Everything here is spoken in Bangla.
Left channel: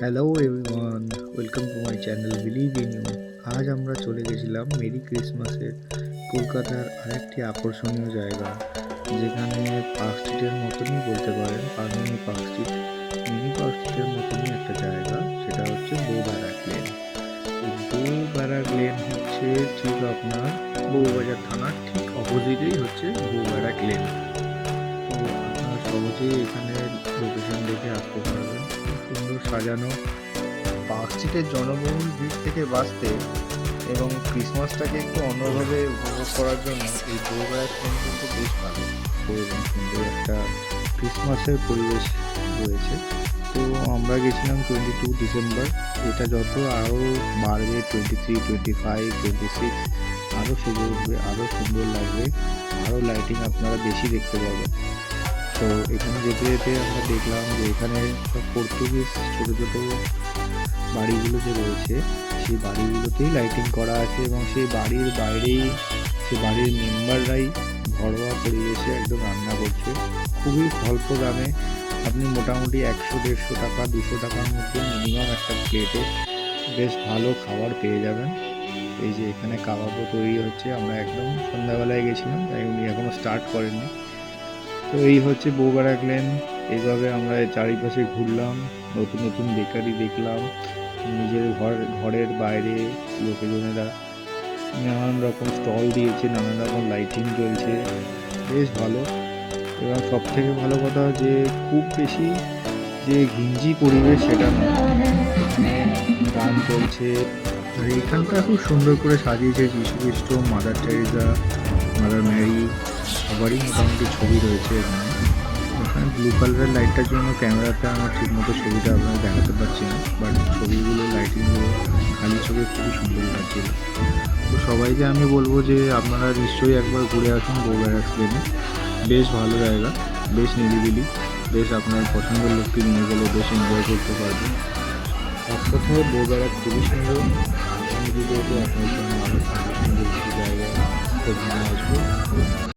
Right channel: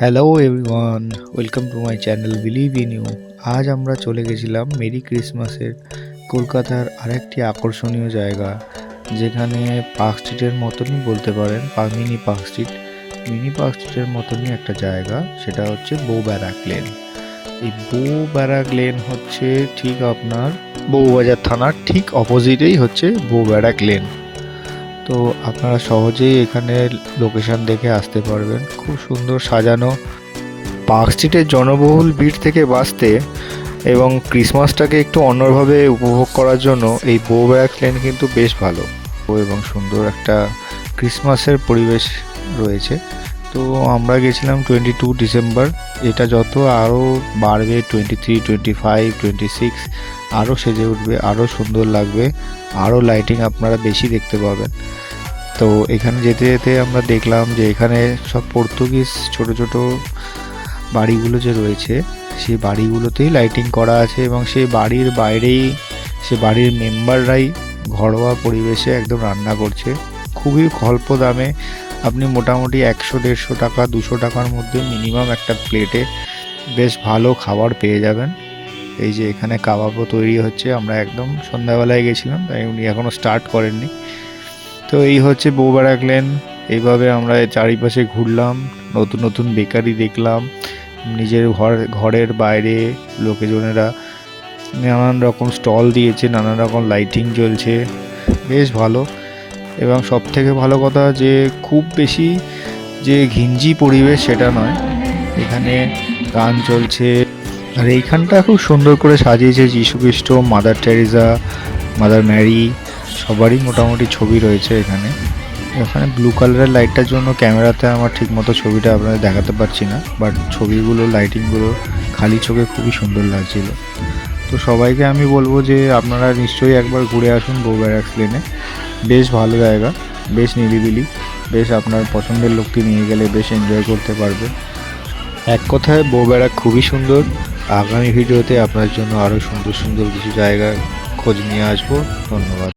Hello everyone, welcome to my channel believe in you. আজ আমরা চলে গেছিলাম মেরি ক্রিসমাসের কলকাতার আরেকটি আকর্ষণীয় জায়গা, যেখানে পার্ক স্ট্রিটের মতনই বলতে পারেন, mini park street. Mini park স্ট্রিটের মতনই একটা জায়গা, সেটা হচ্ছে বউ ব্যারাক লেন। এই বউ ব্যারাক লেন হচ্ছে ঠিক আপনার বউবাজার থানার ঠিক অপোজিটেই হচ্ছে বউ ব্যারাক লেন। তো আপনারা সহজেই এখানে লোকেশন দেখে আসতে পারবেন। খুব সুন্দর সাজানো। পার্ক স্ট্রিটের জনবহুল ভিড় থেকে বাঁচতে এবং ক্রিসমাসটাকে একটু অন্যভাবে উপভোগ করার জন্য এই বো ব্যারাক লেন কিন্তু বেশ ভালো এবং সুন্দর একটা ক্রিসমাসের পরিবেশ রয়েছে। তো আমরা গেছিলাম 22 ডিসেম্বর। এটা যত আরও বাড়বে 23, 25, 26 আরও সেজে উঠবে, আরও সুন্দর লাগবে, আরও লাইটিং আপনারা বেশি দেখতে পাবেন। তো এখানে যেতে যেতে আমরা দেখলাম যে এখানে সব পর্তুগিজ ছোট ছোট বাড়িগুলো যে রয়েছে, সেই বাড়িগুলোতেই লাইটিং করা আছে এবং সেই বাড়ির বাইরেই সে বাড়ির মেম্বাররাই ঘরোয়া পরিবেশে একদম রান্না করছে। খুবই অল্প দামে আপনি মোটামুটি 100-150 টাকা 200 টাকার মধ্যে মিনিমাম একটা প্লেটে বেশ ভালো খাবার পেয়ে যাবেন। এই যে এখানে কাবাবও তৈরি হচ্ছে। আমরা একদম সন্ধ্যাবেলায় গেছিলাম, তাই উনি এখনও স্টার্ট করেননি। তো এই হচ্ছে বউ ব্যারাক লেন। এইভাবে আমরা চারিপাশে ঘুরলাম, নতুন নতুন বেকারি দেখলাম। নিজের ঘরের বাইরে লোকেজনেরা নানান রকম স্টল দিয়েছে, নানান রকম লাইটিং জ্বলছে, বেশ ভালো। এবং সব থেকে ভালো কথা যে খুব বেশি যে ঘিঞ্জি পরিবেশ সেটা নয়, এখানে গান চলছে। আর এইখানটা খুব সুন্দর করে সাজিয়েছে যীশুখ্রিস্ট, মাদার টেরিজা, মাদার ম্যারি, সবারই মোটামুটি ছবি রয়েছে এখানে। এখানে ব্লু কালারের লাইটটার জন্য ক্যামেরাতে আমার ঠিক মতো ছবিটা আপনাদের দেখাতে পারছি না, বাট ছবিগুলো লাইটিংগুলো খালি চোখে খুবই সুন্দর লাগছিল। তো সবাইকে আমি বলবো যে আপনারা নিশ্চয়ই একবার ঘুরে আসুন বউ ব্যারাক লেনে। বেশ ভালো জায়গা, বেশ নিরিবিলি, বেশ আপনার পছন্দের লোককে নিয়ে গেলে বেশ এনজয় করতে পারবে। এক কথায় বউ ব্যারাক খুবই সুন্দর। আগামী ভিডিওতে আপনার জন্য আরও সুন্দর সুন্দর কিছু জায়গার খোঁজ নিয়ে আসবো। ধন্যবাদ।